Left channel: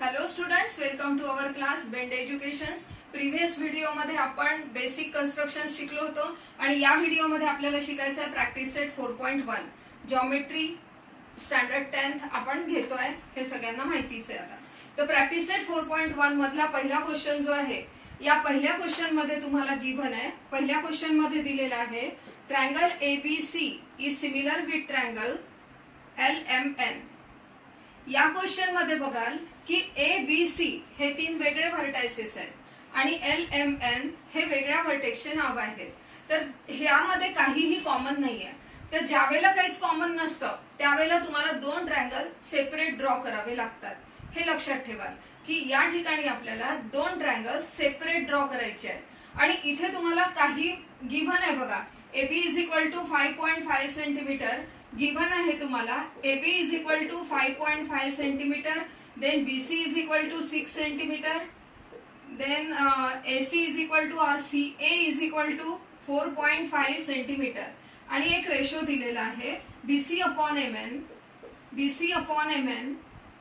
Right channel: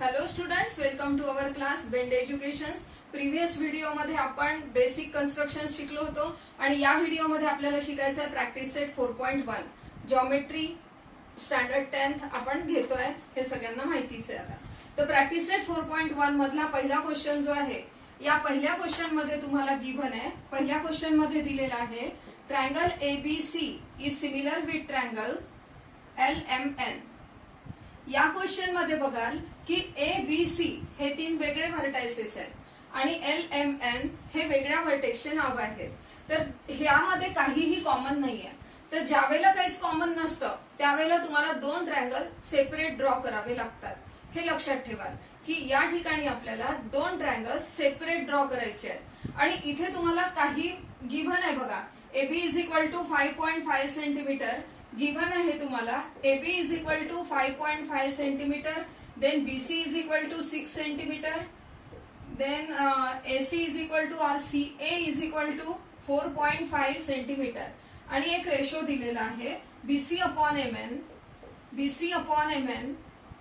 Hello students, welcome to our class bend educations. Previous व्हिडिओमध्ये आपण basic construction शिकलो होतो आणि या व्हिडिओमध्ये आपल्याला शिकायचं आहे practice set 4.1 geometry standard 10th आपण घेतोय, हे सगळ्यांना माहितीच आहे. आता तर प्रॅक्टिस सेट 4.1 मधला पहिला क्वेश्चन जो आहे, या पहिल्या क्वेश्चन मध्ये तुम्हाला गिव्हन आहे. पहिल्या क्वेश्चन मध्ये दिलेला आहे triangle ABC is similar with triangle LMN. या क्वेश्चन मध्ये बघाल की ABC हे तीन वेगळे व्हर्टायसेस आहेत आणि LMN हे वेगळ्या व्हर्टेक्सचे नाव आहेत. तर ह्यामध्ये काहीही कॉमन नाहीये. तर ज्यावेळेला काहीच कॉमन नसतं त्यावेळेला तुम्हाला दोन ट्रायंगल सेपरेट ड्रॉ करावे लागतात. हे लक्षात ठेवा की या ठिकाणी आपल्याला दोन ट्रायंगल सेपरेट ड्रॉ करायचे आहेत आणि इथे तुम्हाला काही गिव्हन आहे. बघा, AB is equal to 5.5 centimetre given आहे तुम्हाला. AB is equal to 5.5 centimetre, then BC is equal to 6 centimetre, then AC is equal to CA is equal to 4.5 centimetre आणि एक रेशो दिलेला आहे BC upon MN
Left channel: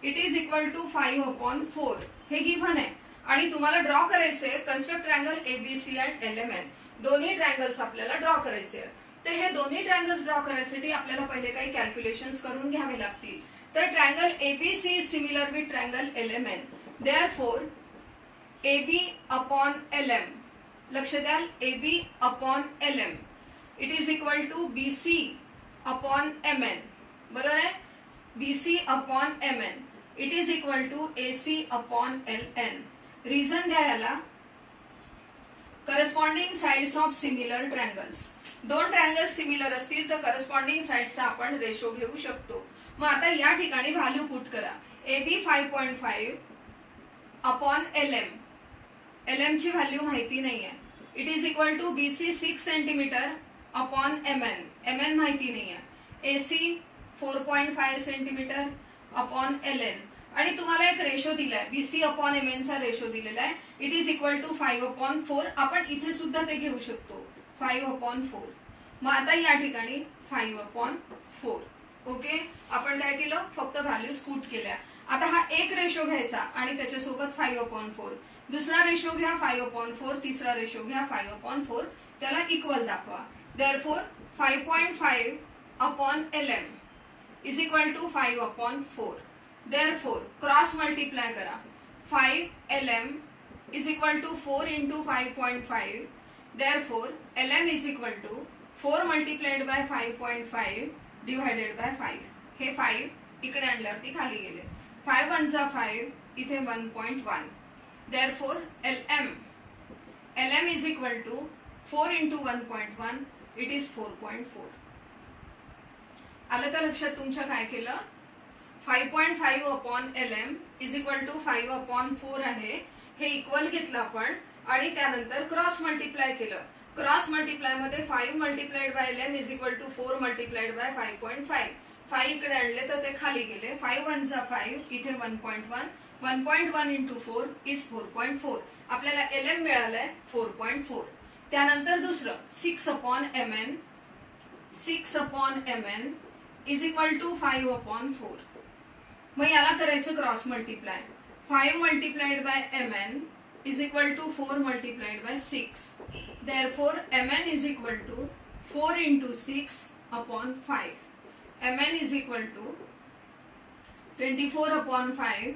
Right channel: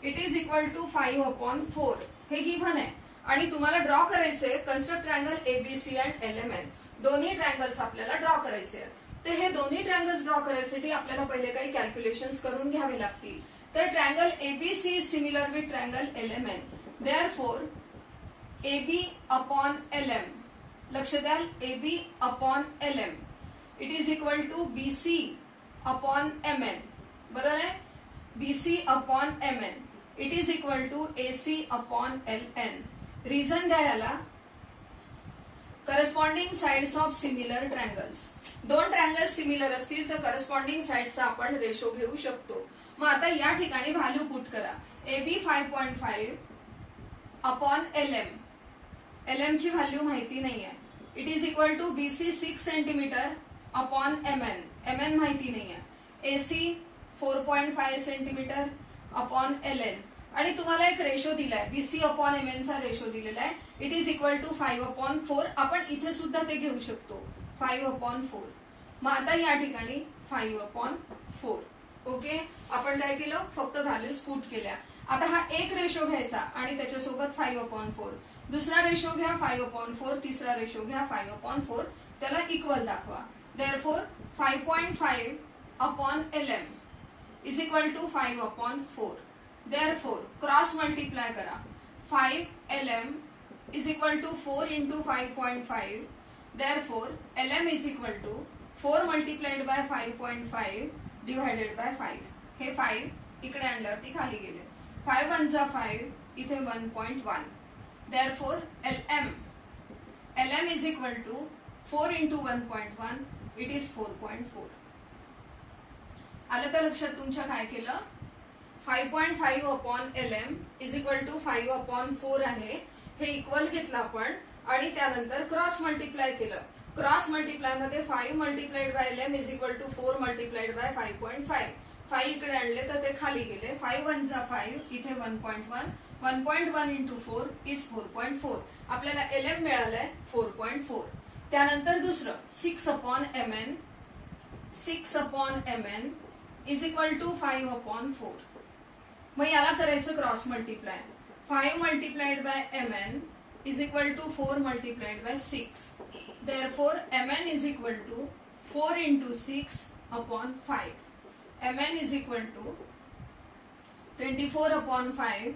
it is equal to 5/4. हे given आहे आणि तुम्हाला ड्रॉ करायचे construct triangle ABC and LMN. दोन्ही ट्रायंगल्स आपल्याला ड्रॉ करायचे आहेत. तर हे दोन्ही ट्रायंगल्स ड्रॉ करण्यासाठी आपल्याला पहिले काही कॅल्क्युलेशन्स करून घ्यावे लागतील. तर triangle ABC is similar with triangle LMN. Therefore AB upon LM, लक्ष द्या, AB upon LM it is equal to BC upon MN. बरोबर आहे. BC upon MN it is equal to AC upon LN. Reason द्या याला, corresponding sides of similar triangles. दोन triangles similar असतील तर corresponding साइड्सचा आपण रेशो घेऊ शकतो. मग आता या ठिकाणी व्हॅल्यू पुट करा. AB 5.5 अपॉन LM ची व्हॅल्यू माहिती नाहीये. It is equal to BC 6 centimetre upon MN माहिती नाहीये. AC 4.5 सेंटीमीटर अपॉन LN आणि तुम्हाला एक रेशो दिलाय BC अपॉन MN चा रेशो दिलेला आहे. It is equal to 5/4. आपण इथे सुद्धा ते घेऊ शकतो 5/4. मग आता या ठिकाणी 5/4. ओके, आपण काय केलं, फक्त व्हॅल्यूज पुट केल्या. आता हा एक रेशो घ्यायचा आणि त्याच्यासोबत 5/4, दुसरा रेशो घ्या 5/4, तिसरा रेशो घ्या 5/4, त्याला इक्वल दाखवा. Therefore 5.5 upon LM is equal to 5/4. Therefore cross multiply करा. 5LM is equal to 4 into 5.5. Therefore LM is equal to 4 multiplied by 5.5 divided by 5. हे 5 इकडे आणल्यावरती खाली गेले. 5 1 जा 5, इथे 1.1. Therefore LM is equal to 4 into 1.1 it is 4.4. आलं का लक्षात तुमच्या काय केलं? 5.5 upon LM is equal to 5/4 आहे. हे इक्वल घेतलं आपण आणि त्यानंतर क्रॉस मल्टिप्लाय केलं. क्रॉस मल्टिप्लाय मध्ये 5 multiplied by LM is equal to 4 multiplied by 5.5. 5 इकडे आणले तर ते खाली गेले. 5 1 जा 5, इथे 1.1. 1.1 इंटू 4 इज 4.4. आपल्याला LM मिळालंय 4.4. त्यानंतर दुसरं 6 upon MN is equal to 5/4. मग याला करायचं cross multiply. 5 multiplied by MN is equal to 4 multiplied by 6. Therefore MN is equal to 4 into 6 upon 5. MN is equal to 24 upon 5.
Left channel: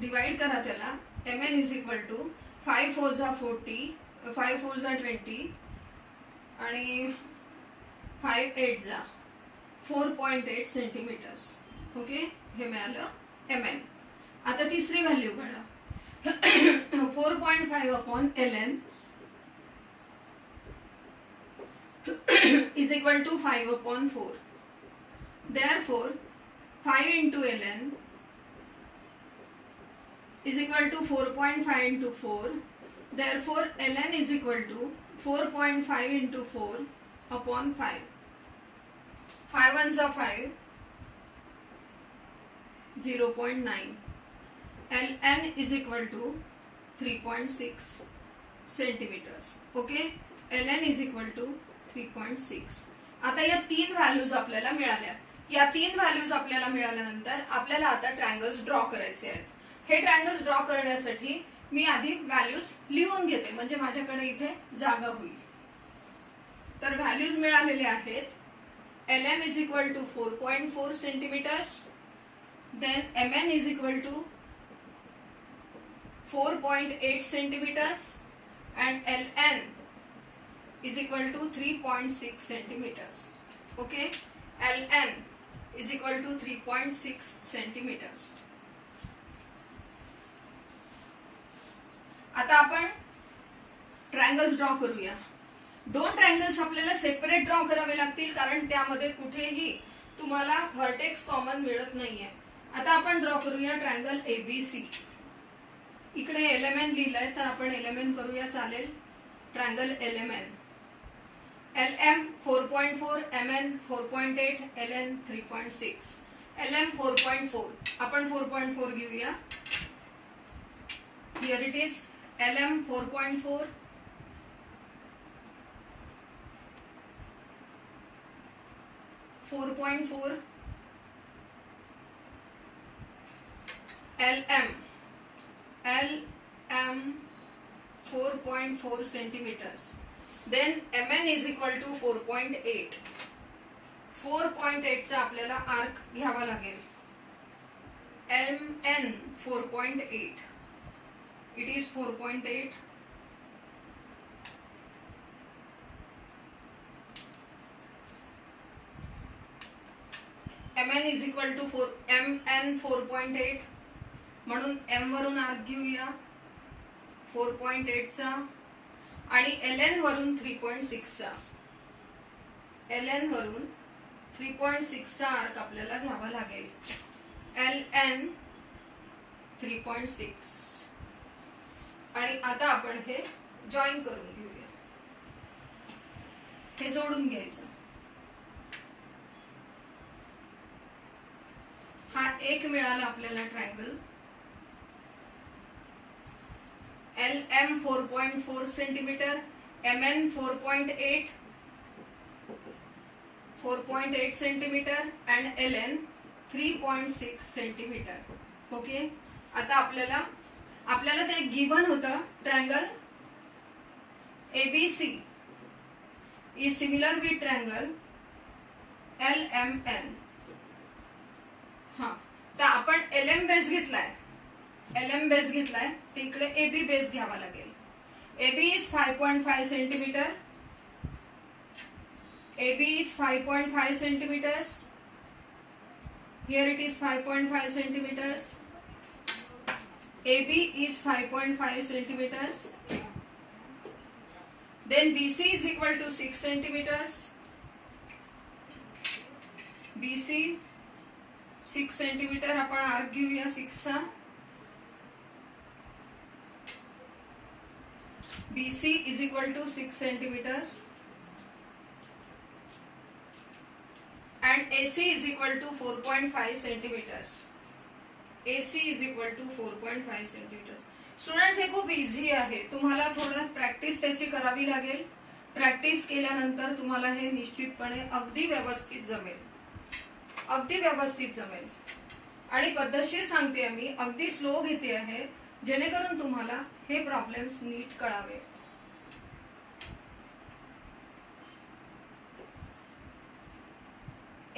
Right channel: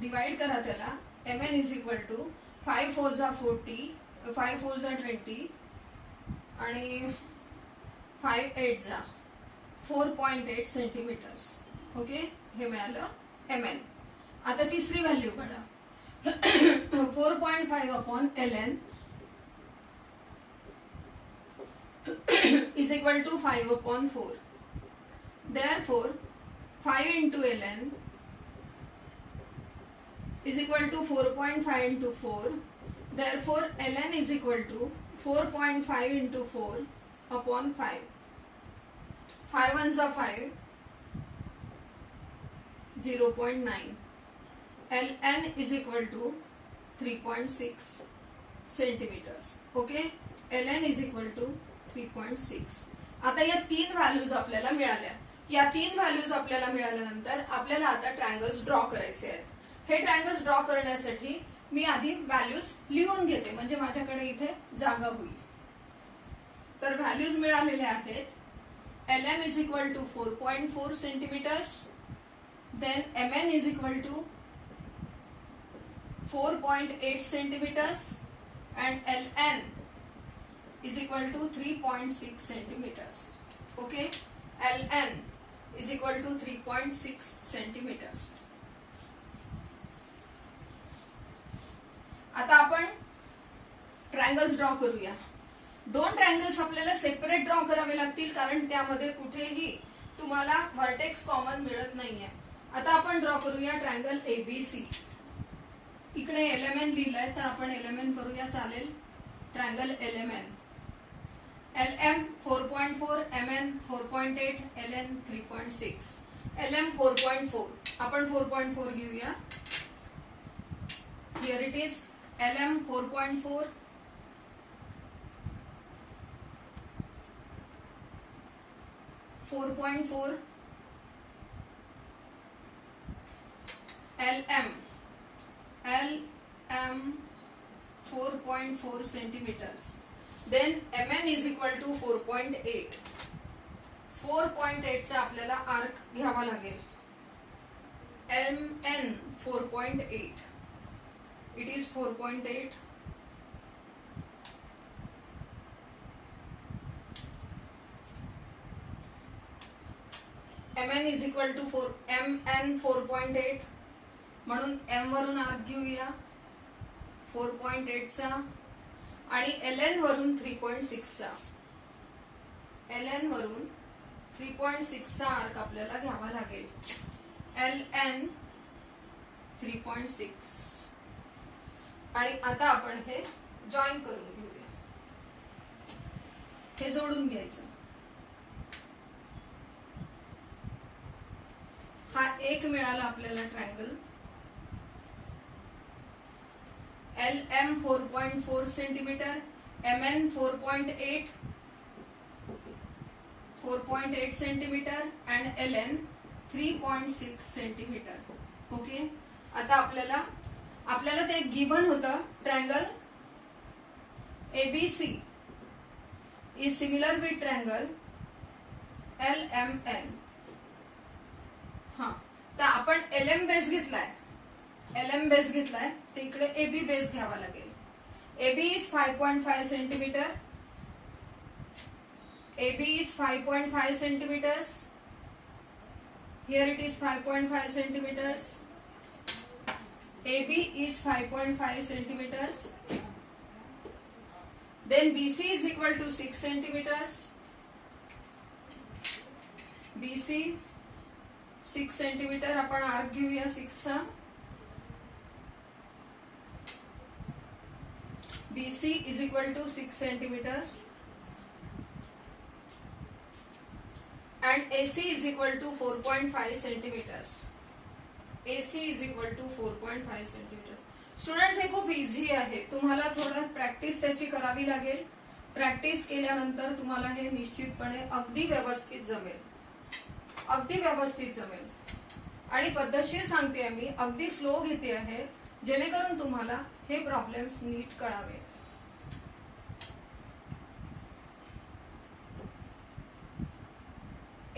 Divide करा त्याला. MN is equal to 5 4 जा 40, 5 4 जा 20 आणि 5 8 जा 4.8 centimetres. Okay, हे मिळालं MN. आता तिसरी व्हॅल्यू काढा. 4.5 upon LN is equal to 5/4. Therefore 5 into LN is equal to 4.5 into 4. Therefore LN is equal to 4.5 into 4 upon 5. 5 1 जा 5, 0.9. LN is equal to 3.6 centimetres. Okay, LN is equal to 3.6. आता या तीन values आपल्याला मिळाल्या. या तीन values आपल्याला मिळाल्यानंतर आपल्याला आता ट्रायंगल्स ड्रॉ करायचे आहेत. हे ट्रायंगल्स ड्रॉ करण्यासाठी मी आधी व्हॅल्यूज लिहून घेते, म्हणजे माझ्याकडे इथे जागा होईल. तर व्हॅल्यूज मिळालेले आहेत. LM is equal to 4.4 centimeters, then MN is equal to 4.8 centimeters and LN is equal to 3.6 centimeters. Okay, LN is equal to 3.6 centimeters. आता आपण ट्रायंगल्स ड्रॉ करूया. 2 ट्रायंगल्स आपल्याला सेपरेट ड्रॉ करावे लागतील, कारण त्यामध्ये कुठेही तुम्हाला व्हर्टेक्स कॉमन मिळत नाहीये. आता आपण ड्रॉ करूया ट्रायंगल ABC. इकडे LMN लिहिलंय, तर आपण LMN करूया, चालेल. Triangle LMN. LM 4.4, MN 4.8, LN 3.6. LM 4.4. आपण 4.4 घेऊया. Here it is. LM 4.4. LM 4.4 centimeters. Then MN is equal to 4.8. 4.8 चा आपल्याला आर्क घ्यावा लागेल. MN 4.8. It is 4.8. MN is equal to 4. MN 4.8. म्हणून M वरून आर्क घेऊया 4.8 चा आणि LN वरून 3.6 चा. LN वरून 3.6 चा आर्क आपल्याला घ्यावा लागेल. LN 3.6. आणि आता आपण हे जॉईन करून घेऊया. हे जोडून घ्यायचं. हा एक मिळाला आपल्याला triangle. LM 4.4 centimetre, MN 4.8 centimetre and LN 3.6 centimetre. Okay, आता आपल्याला ते गिवन होतं. Triangle ABC is similar with triangle LMN. हा, तर आपण LM बेस घेतलाय. LM बेस घेतलाय, तर इकडे AB बेस घ्यावा लागेल. AB is 5.5 centimetre. AB is 5.5 centimeters. Here it is 5.5 centimeters. AB is 5.5 centimeters. Then BC is equal to 6 centimeters. BC 6 centimetre. आपण आर्क घेऊया 6 चा. BC is equal to 6 centimeters and AC is equal to 4.5 centimeters. AC is equal to 4.5 centimeters. Students, हे खूप easy आहे. तुम्हाला थोडं practice त्याची करावी लागेल. प्रॅक्टिस केल्यानंतर तुम्हाला हे निश्चितपणे अगदी व्यवस्थित जमेल. अगदी व्यवस्थित जमेल. आणि पद्धतशीर सांगते मी, अगदी स्लो घेते आहे, जेणेकरून तुम्हाला हे प्रॉब्लेम्स नीट कळावे.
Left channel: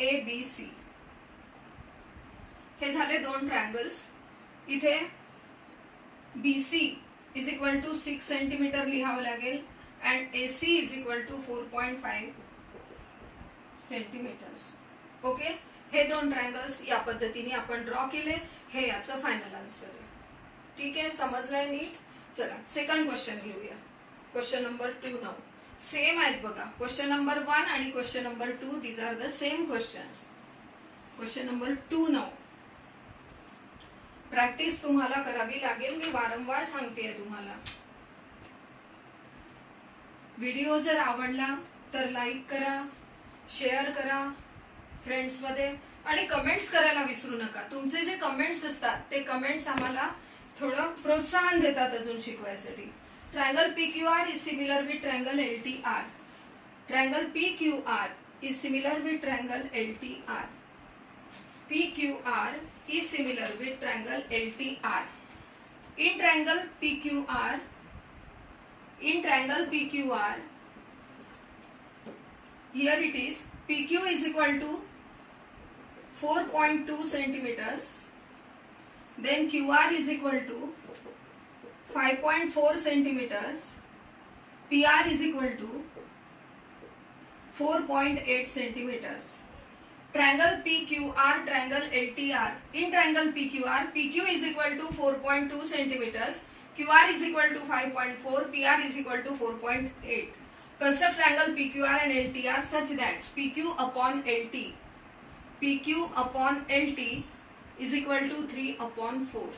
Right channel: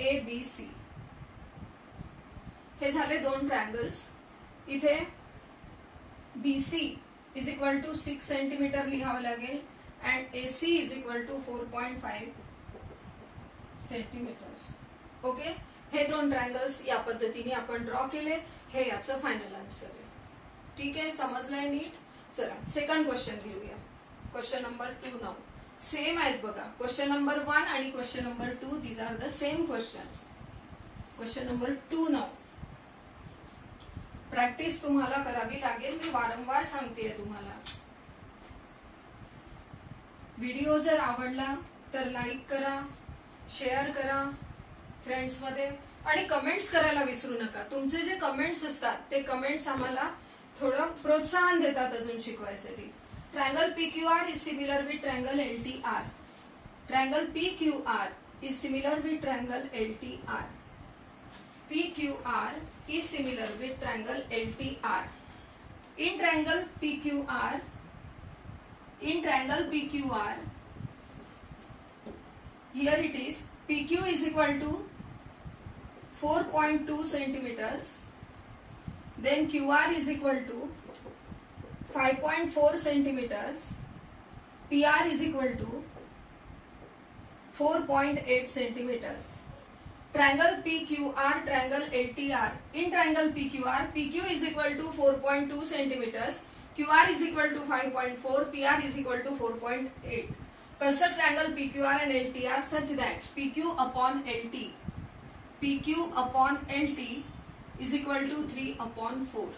ABC हे झाले 2 ट्रायंगल्स. इथे BC is equal to 6 centimetre लिहावं लागेल and AC is equal to 4.5 centimetres. Okay, हे 2 ट्रायंगल्स या पद्धतीने आपण ड्रॉ केले. हे याचं फायनल आन्सर आहे. ठीक आहे, समजलंय नीट. चला सेकंड क्वेश्चन घेऊया. Question number 2 now. सेम आहेत बघा. क्वेश्चन नंबर 1 आणि question number 2 these are the same questions. Question number 2 now. Practice तुम्हाला करावी लागेल. मी वारंवार सांगतेय तुम्हाला. व्हिडिओ जर आवडला तर लाईक करा, शेअर करा फ्रेंड्स मध्ये आणि कमेंट्स करायला विसरू नका. तुमचे जे कमेंट्स असतात ते कमेंट्स आम्हाला थोडं प्रोत्साहन देतात अजून शिकवायसाठी. Triangle PQR is similar with triangle LTR. Triangle PQR is similar with triangle LTR. PQR is similar with triangle LTR. In triangle PQR, here it is PQ is equal to 4.2 centimeters, then QR is equal to 5.4 centimeters, PR is equal to 4.8 centimeters. Triangle PQR, triangle LTR. In triangle PQR, PQ is equal to 4.2 centimeters, QR is equal to 5.4, PR is equal to 4.8. Construct triangle PQR and LTR such that PQ upon LT is equal to 3/4.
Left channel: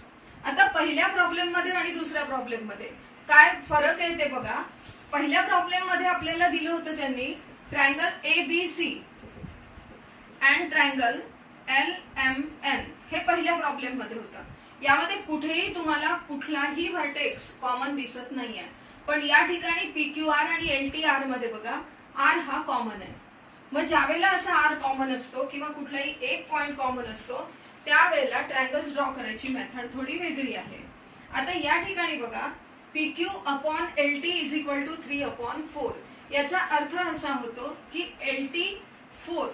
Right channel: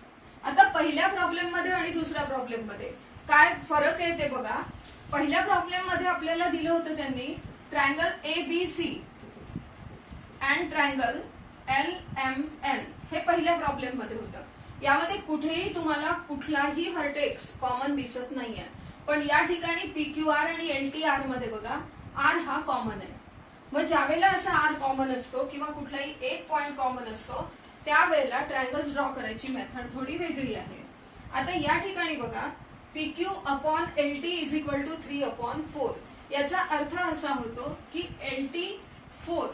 आता पहिल्या problem मध्ये आणि दुसऱ्या problem मध्ये काय फरक आहे ते बघा. पहिल्या प्रॉब्लेम मध्ये आपल्याला दिलं होतं त्यांनी triangle ABC and triangle LMN हे पहिल्या प्रॉब्लेम मध्ये होतं. यामध्ये कुठेही तुम्हाला कुठलाही व्हर्टेक्स कॉमन दिसत नाहीये, पण या ठिकाणी PQR आणि LTR मध्ये बघा R हा कॉमन आहे. मग ज्यावेळेला असा R कॉमन असतो किंवा कुठलाही एक पॉइंट कॉमन असतो त्यावेळेला ट्रायंगल्स ड्रॉ करायची मेथड थोडी वेगळी आहे. आता या ठिकाणी बघा PQ upon LT is equal to 3/4. याचा अर्थ असा होतो की LT4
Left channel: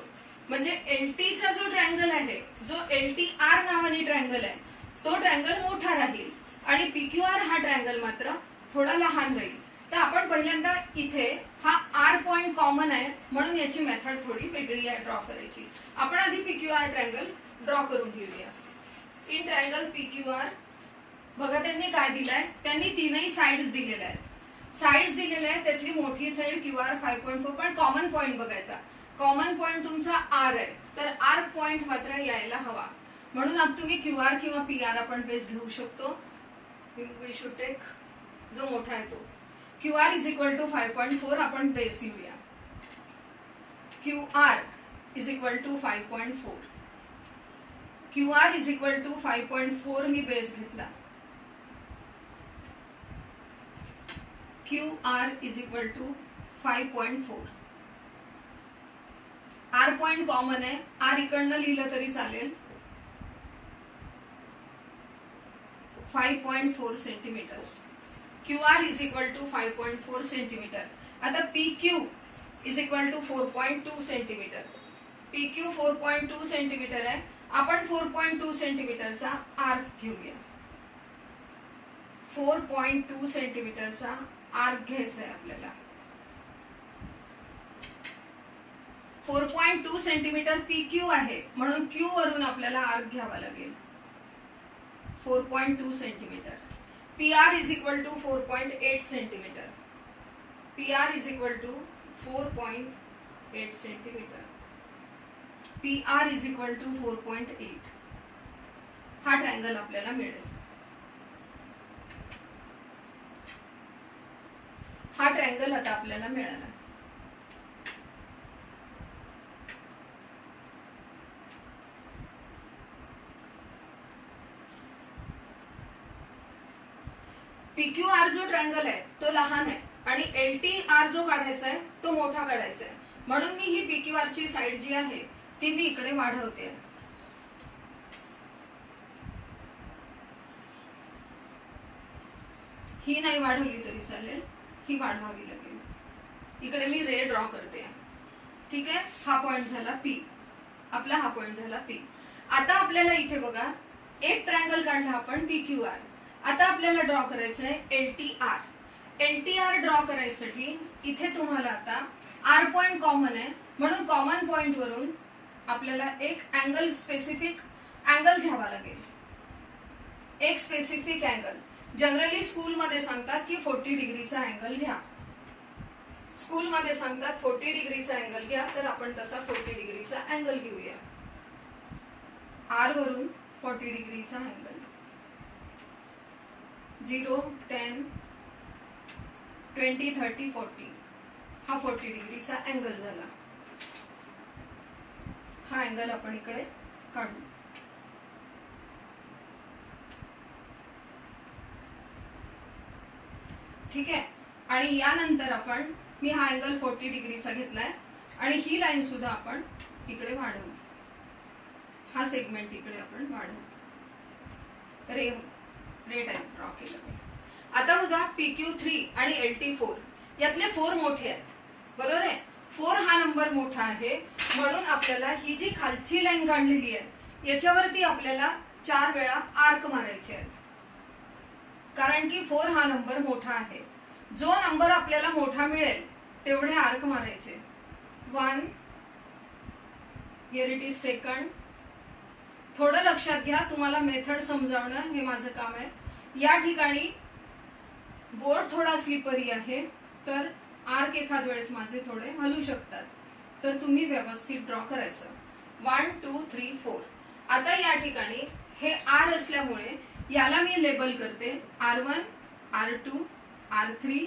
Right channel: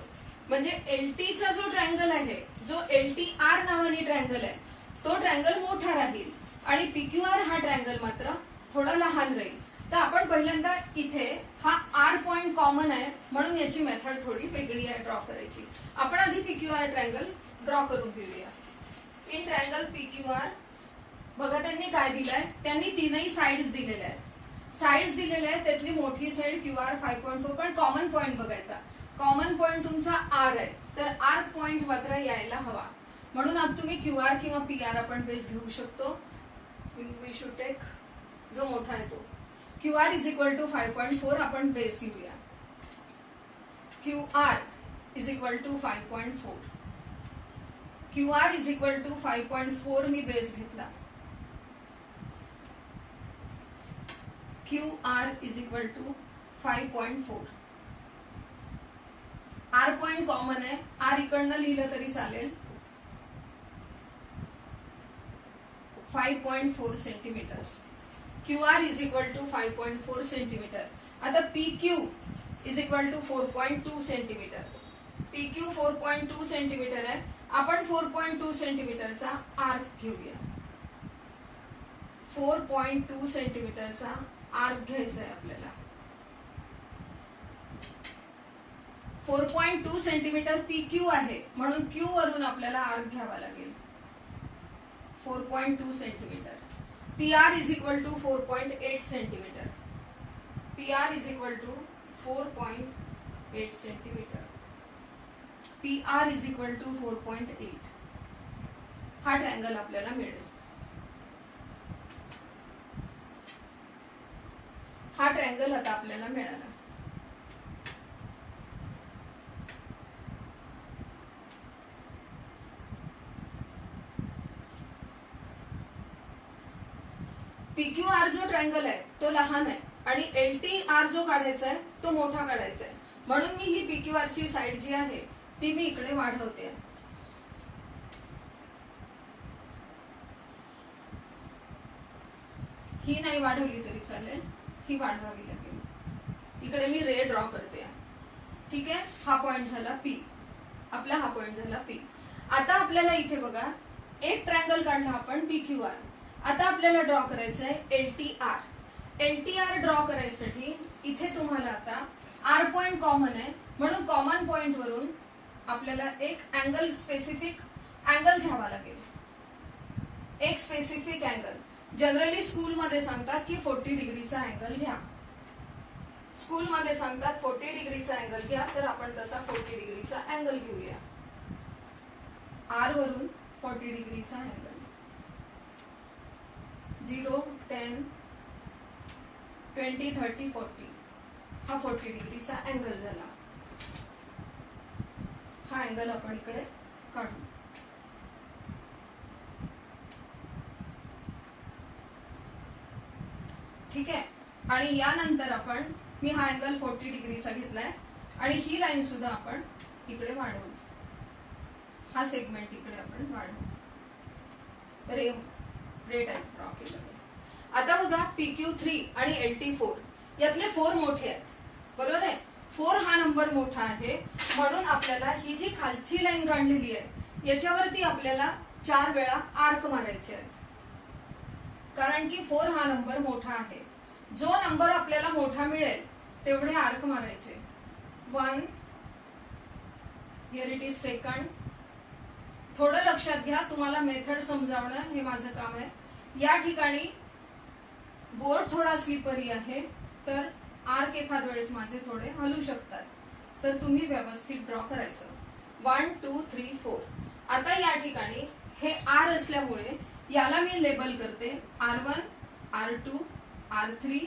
म्हणजे LTचा जो ट्रायंगल आहे, जो LTR नावाने ट्रायंगल आहे, तो ट्रायंगल मोठा राहील आणि PQR हा ट्रायंगल मात्र थोडा लहान राहील. तर आपण पहिल्यांदा इथे हा R पॉइंट कॉमन आहे म्हणून याची मेथड थोडी वेगळी आहे ड्रॉ करायची. आपण आधी PQR ट्रायंगल ड्रॉ करून घेऊया. इन ट्रायंगल PQR बघा त्यांनी काय दिलंय, त्यांनी तीनही साइड्स दिलेल्या आहेत. साइड्स दिलेल्या आहेत, त्यातली मोठी साइड QR 5.4, पण कॉमन पॉइंट बघायचा. कॉमन पॉइंट तुमचा R आहे, तर R पॉइंट मात्र यायला हवा. म्हणून अब तुम्ही QR किंवा PR आपण बेस घेऊ शकतो. वी शुड टेक जो मोठा आहे तो. QR इज इक्वल टू 5.4 आपण बेस घेऊया. QR is equal to 5.4. QR is equal to 5.4 मी बेस घेतला. QR is equal to 5.4. R point common आहे, R इकडनं लिहिलं तरी चालेल. 5.4 centimetres. QR is equal to 5.4 centimetre. आता PQ is equal to 4.2 centimetre. PQ 4.2 centimetre आहे. आपण 4.2 सेंटीमीटरचा आर्क घेऊया. 4.2 सेंटीमीटरचा आर्क घ्यायचा आहे आपल्याला. 4.2 सेंटीमीटर PQ आहे म्हणून Q वरून आपल्याला आर्क घ्यावा लागेल. 4.2 centimetre. PR is equal to 4.8 centimetre. PR is equal to 4.8 centimetre. PR is equal to 4.8. हा ट्रायंगल आपल्याला मिळेल. हा ट्रायंगल आता आपल्याला मिळाला. PQR जो ट्रायंगल आहे तो लहान आहे आणि LTR जो काढायचा आहे तो मोठा काढायचा आहे. म्हणून मी ही PQR ची साइड जी आहे ती मी इकडे वाढवते. ही नाही वाढवली तरी चालेल, ही वाढवावी लागेल. इकडे मी रे ड्रॉ करते. ठीक आहे, हा पॉइंट झाला P. आपला हा पॉइंट झाला P. आता आपल्याला इथे बघा एक ट्रायंगल काढला आपण PQR. आता आपल्याला ड्रॉ करायचं आहे LTR. LTR ड्रॉ करायसाठी इथे तुम्हाला आता R पॉइंट कॉमन आहे म्हणून कॉमन पॉइंट वरून आपल्याला एक अँगल स्पेसिफिक अँगल घ्यावा लागेल. एक स्पेसिफिक अँगल. जनरली स्कूलमध्ये सांगतात की 40 डिग्रीचा अँगल घ्या. स्कूलमध्ये सांगतात 40 डिग्रीचा अँगल घ्या, तर आपण तसा 40 डिग्रीचा अँगल घेऊया. R वरून 40 डिग्रीचा अँगल. 0, 10, 20, 30, 40 हा 40 डिग्रीचा अँगल झाला. हा अँगल आपण इकडे काढू. ठीक आहे, आणि यानंतर आपण मी हा अँगल 40 डिग्रीचा घेतलाय आणि ही लाईन सुद्धा आपण इकडे वाढवू. हा सेगमेंट इकडे आपण वाढवू. रे रे टाइप ड्रॉ केलं मी. आता बघा PQ3 आणि LT4 यातले 4 मोठे आहेत, बरोबर आहे. 4 हा नंबर मोठा आहे, म्हणून आपल्याला ही जी खालची लाईन काढलेली आहे याच्यावरती आपल्याला 4 वेळा आर्क मारायचे आहेत, कारण की 4 हा नंबर मोठा आहे. जो नंबर आपल्याला मोठा मिळेल तेवढे आर्क मारायचे. 1 हिअर इट इज सेकंड. थोडं लक्षात घ्या, तुम्हाला मेथड समजावणं हे माझं काम आहे. या ठिकाणी बोर्ड थोडा स्लिपरी आहे, तर आर्क एखाद वेळेस माझे थोडे हलू शकतात, तर तुम्ही व्यवस्थित ड्रॉ करायचं. 1 2 3 4. आता या ठिकाणी हे आर असल्यामुळे याला मी लेबल करते R1 R2 R3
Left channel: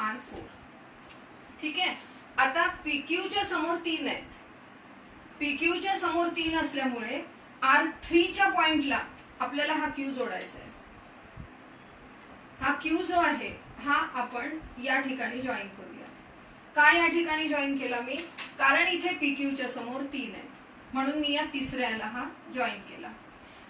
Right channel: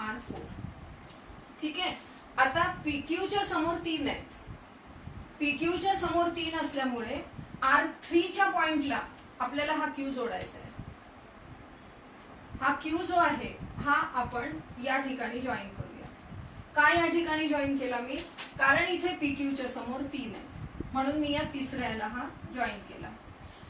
R4. ठीक आहे. आता PQच्या समोर 3 आहेत. PQच्या समोर 3 असल्यामुळे R3च्या पॉइंटला आपल्याला हा Q जोडायचा आहे. हा Q जो आहे हा आपण या ठिकाणी जॉईन करूया. का या ठिकाणी जॉईन केला मी? कारण इथे PQच्या समोर 3 आहेत, म्हणून मी या तिसऱ्याला हा जॉईन केला.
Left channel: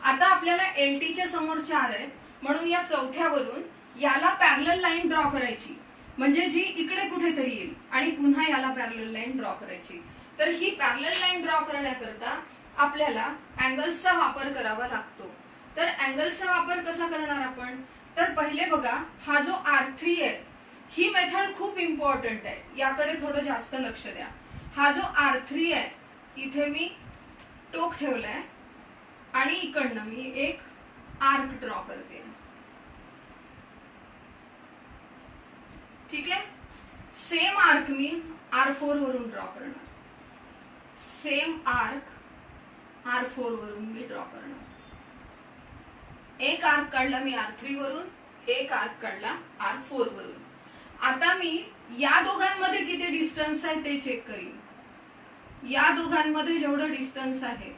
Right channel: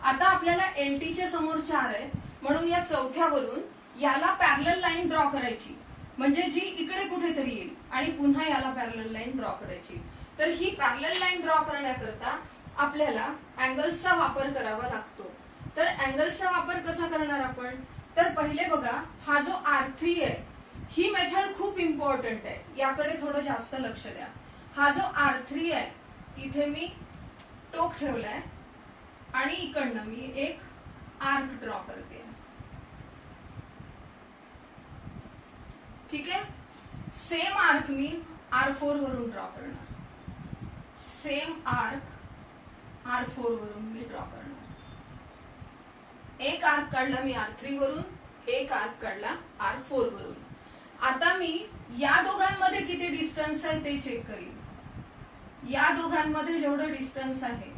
आता आपल्याला LTच्या समोर 4 आहेत, म्हणून या चौथ्यावरून याला पॅरलल लाईन ड्रॉ करायची, म्हणजे जी इकडे कुठेतरी येईल, आणि पुन्हा याला पॅरलल लाईन ड्रॉ करायची. तर ही पॅरलल लाईन ड्रॉ करण्याकरता आपल्याला अँगल्सचा वापर करावा लागतो. तर अँगल्सचा वापर कसा करणार आपण? तर पहिले बघा, हा जो R3 आहे ही मेथड खूप इम्पॉर्टंट आहे, याकडे थोडं जास्त लक्ष द्या. हा जो R3 आहे इथे मी टोक ठेवलाय आणि इकडनं मी एक आर्क ड्रॉ करते. ठीक आहे. सेम आर्क मी R4 वरून ड्रॉ करणार. सेम आर्क R4 वरून मी ड्रॉ करणार. एक आर्क काढला मी R3 वरून, एक आर्क काढला R4 वरून. आता मी या दोघांमध्ये किती डिस्टन्स आहे ते चेक करीन. या दोघांमध्ये जेवढं डिस्टन्स आहे,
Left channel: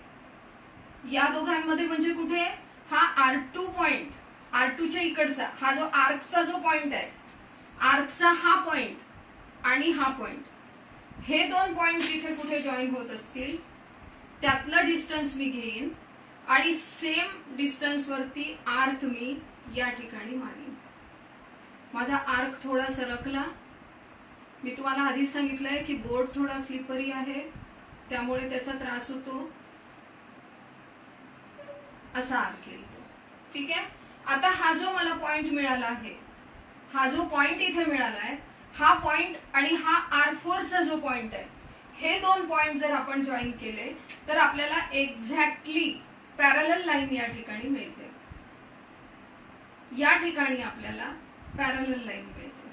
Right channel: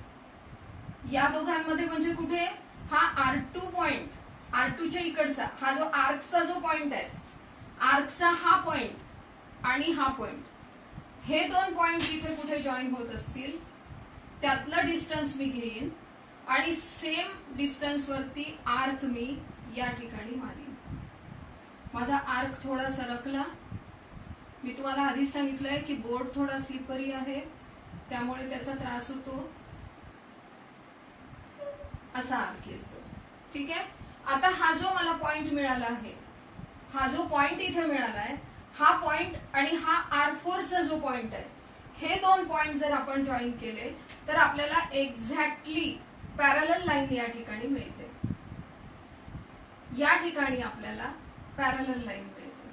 या दोघांमध्ये म्हणजे कुठे हा R2 पॉइंट, R2च्या इकडचा हा जो आर्कचा जो पॉइंट आहे, आर्कचा हा पॉइंट आणि हा पॉइंट, हे 2 पॉइंट इथे कुठे जॉईन होत असतील त्यातलं डिस्टन्स मी घेईन आणि सेम डिस्टन्स वरती आर्क मी या ठिकाणी मारीन. माझा आर्क थोडा सरकला. मी तुम्हाला आधीच सांगितलंय की बोर्ड थोडा स्लिपरी आहे, त्यामुळे त्याचा त्रास होतो. असा आर्क येतो. ठीक आहे. आता हा जो मला पॉइंट मिळाला आहे, हा जो पॉइंट इथे मिळाला आहे, हा पॉइंट आणि हा R4चा जो पॉइंट आहे, हे 2 पॉइंट जर आपण जॉईन केले तर आपल्याला एक्झॅक्टली पॅरलल लाईन या ठिकाणी मिळते. या ठिकाणी आपल्याला पॅरलल लाईन मिळते.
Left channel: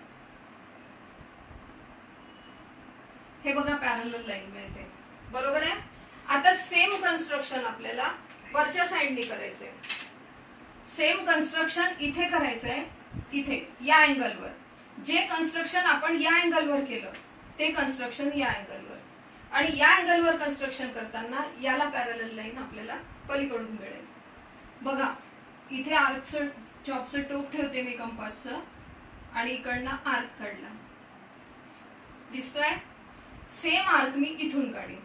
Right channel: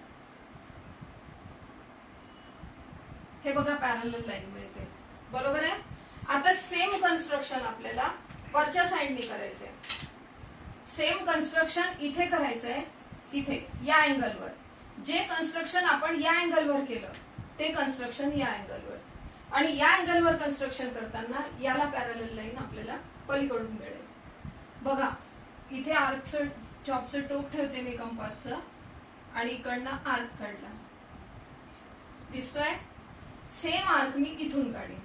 हे बघा, पॅरलल लाईन मिळते, बरोबर आहे. आता सेम कन्स्ट्रक्शन आपल्याला वरच्या साइडने करायचंय. सेम कन्स्ट्रक्शन इथे करायचंय, इथे या अँगलवर. जे कन्स्ट्रक्शन आपण या अँगलवर केलं ते कन्स्ट्रक्शन या अँगलवर, आणि या अँगलवर कन्स्ट्रक्शन करताना याला पॅरलल लाईन आपल्याला पलीकडून मिळेल. बघा, इथे आर्कचं चॉपचं टोक ठेवते मी कंपासचं, आणि इकडनं आर्क काढला. दिसतोय? सेम आर्क मी इथून काढीन,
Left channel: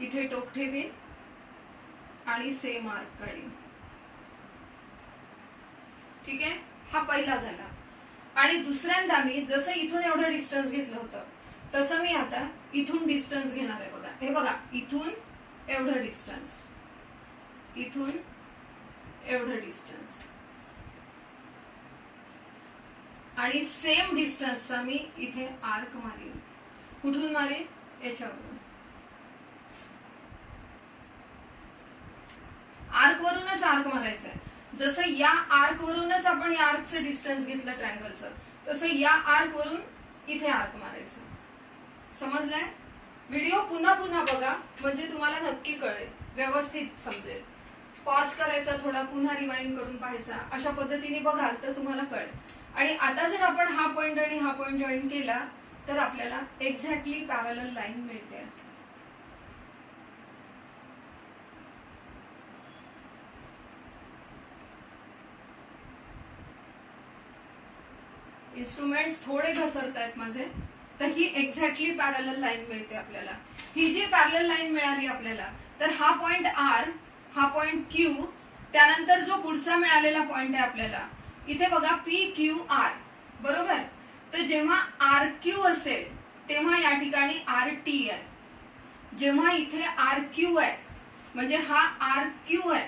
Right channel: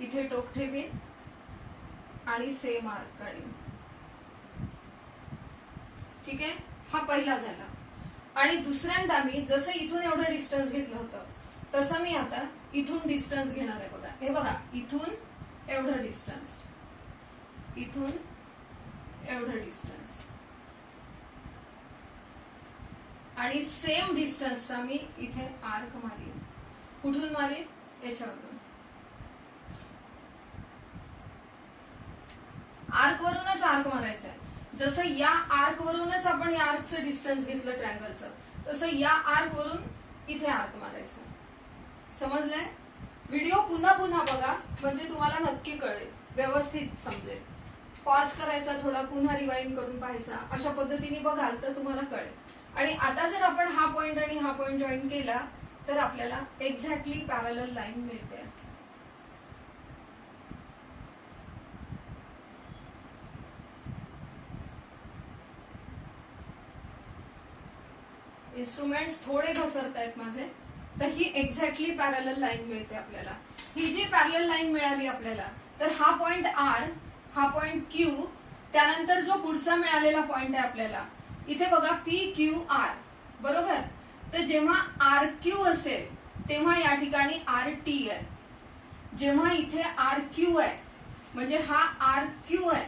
इथे टोक ठेवीन आणि सेम आर्क काढीन. ठीक आहे. हा पहिला झाला. आणि दुसऱ्यांदा मी जसं इथून एवढं डिस्टन्स घेतलं होतं तसं मी आता इथून डिस्टन्स घेणार आहे. बघा, हे बघा, इथून एवढं डिस्टन्स, इथून एवढं डिस्टन्स, आणि सेम डिस्टन्सचा मी इथे आर्क मारीन. कुठून मारेन? याच्यावरून. आर्क वरूनच आर्क मारायचं आहे. जसं या आर्क वरूनच आपण या आर्कचं डिस्टन्स घेतलं ट्रायंगलचं, तसं या आर्क वरून इथे आर्क मारायचं. समजलंय? व्हिडिओ पुन्हा पुन्हा बघा, म्हणजे तुम्हाला नक्की कळेल, व्यवस्थित समजेल. पॉज करायचा, थोडा पुन्हा रिवाइंड करून पाहायचा. अशा पद्धतीने बघाल तर तुम्हाला कळेल. आणि आता जर आपण हा पॉइंट आणि हा पॉइंट जॉईन केला तर आपल्याला एक्झॅक्टली पॅरलल लाईन मिळते. इन्स्ट्रुमेंट्स थोडे घसरत आहेत माझे, तर ही एक्झॅक्टली पॅरलल लाईन मिळते आपल्याला. ही जी पॅरलल लाईन मिळाली आपल्याला, तर हा पॉइंट R, हा पॉइंट Q त्यानंतर जो पुढचा मिळालेला पॉइंट आहे आपल्याला, इथे बघा पी क्यू आर, बरोबर. तर जेव्हा आर क्यू असेल तेव्हा या ठिकाणी आर टी आहे. जेव्हा इथे आर क्यू आहे म्हणजे हा आर क्यू आहे,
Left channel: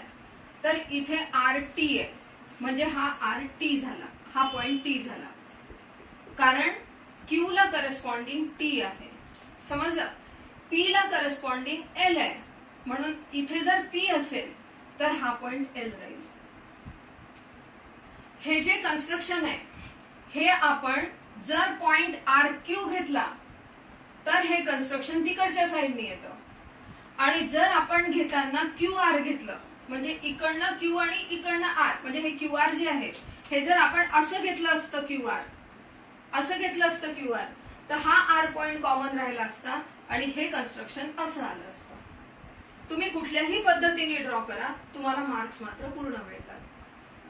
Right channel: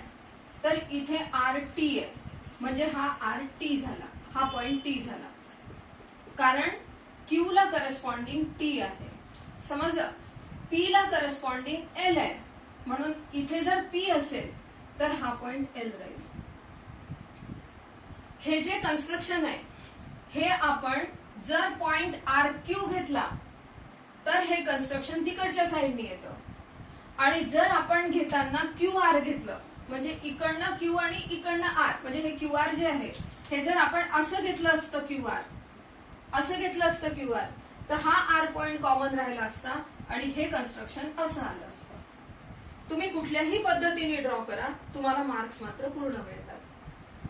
तर इथे आर टी आहे म्हणजे हा आर टी झाला, हा पॉइंट टी झाला. कारण क्यू ला करस्पॉन्डिंग टी आहे, समजलं. पी ला करस्पॉन्डिंग एल आहे, म्हणून इथे जर पी असेल तर हा पॉइंट एल राहील. हे जे कन्स्ट्रक्शन आहे हे आपण जर पॉइंट आर क्यू घेतला तर हे कन्स्ट्रक्शन तिकडच्या साईडने येतं, आणि जर आपण घेताना क्यू आर घेतलं म्हणजे इकडनं क्यू आणि इकडनं आर, म्हणजे हे क्यू आर जे आहे हे जर आपण असं घेतलं असतं क्यू आर, असं घेतलं असतं क्यू आर, तर हा आर पॉइंट कॉमन राहिला असता आणि हे कन्स्ट्रक्शन असं आलं असतं. तुम्ही कुठल्याही पद्धतीने ड्रॉ करा, तुम्हाला मार्क्स मात्र पूर्ण मिळतात.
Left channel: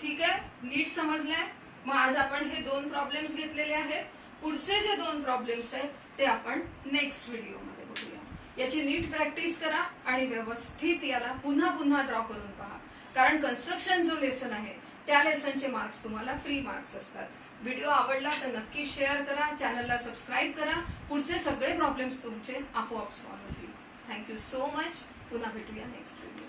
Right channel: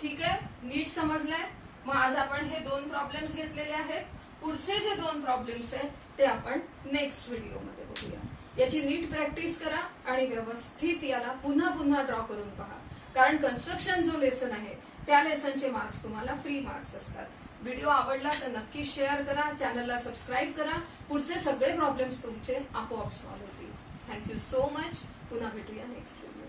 ठीक आहे, नीट समजलंय. मग आज आपण हे 2 प्रॉब्लेम्स घेतलेले आहेत. पुढचे जे 2 प्रॉब्लेम्स आहेत ते आपण नेक्स्ट व्हिडिओमध्ये बघूया. याची नीट प्रॅक्टिस करा आणि व्यवस्थित याला पुन्हा पुन्हा ड्रॉ करून पहा, कारण कन्स्ट्रक्शन जो लेसन आहे त्या लेसनचे मार्क्स तुम्हाला फ्री मार्क्स असतात. व्हिडिओ आवडला तर नक्की शेअर करा, चॅनलला सबस्क्राईब करा. पुढचे सगळे प्रॉब्लेम्स तुमचे आपोआप सॉल्व्ह होतील. Thank you so much. पुन्हा भेटूया नेक्स्ट व्हिडिओ.